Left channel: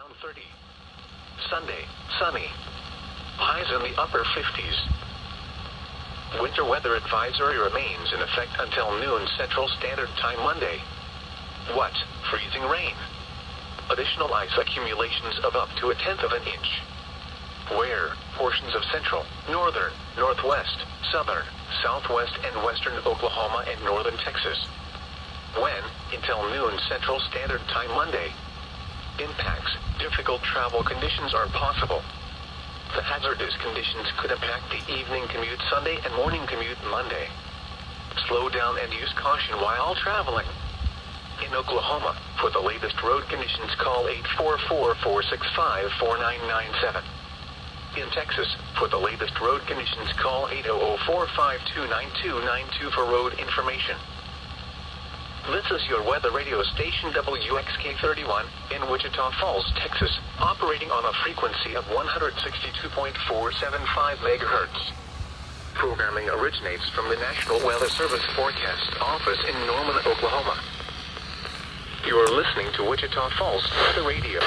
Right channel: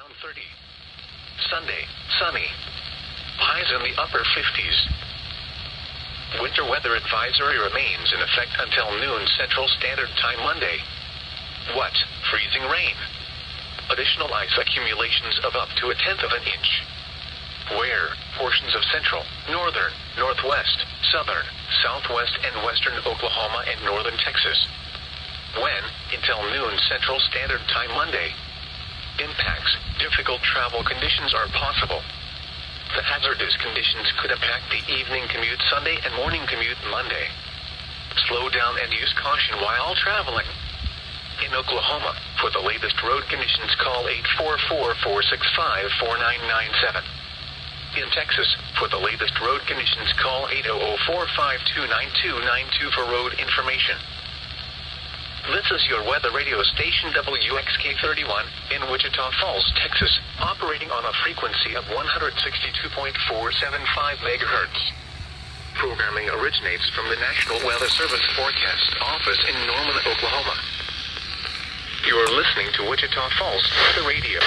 around 30. Sunday, sunny. Highs in the upper 50s. Winter weather advisory remains in effect until noon Central Standard Time Monday. What? Freezing rain. Additional ice accumulations of up to 1/10 of an inch. Where? Portions of central, northern, northwest, southern, southwest and western Oklahoma and northern Texas. When? Until noon Central Standard Time Monday. Impacts. Difficult travel conditions are possible. The hazardous conditions could impact the evening commute Sunday and morning commute Monday. Slow down and use caution while traveling. In Oklahoma, for the latest road conditions call 844-465-4997. In Texas, for the latest road conditions call 800-452-9292 for road information. This is your weather radio station WXK31 in Wichita Falls, Texas, operating on a frequency of 162.475 MHz. Programming originates from the National Weather Service Forecast Office in Norman, Oklahoma. You are listening to Wichita Falls Weather Radio.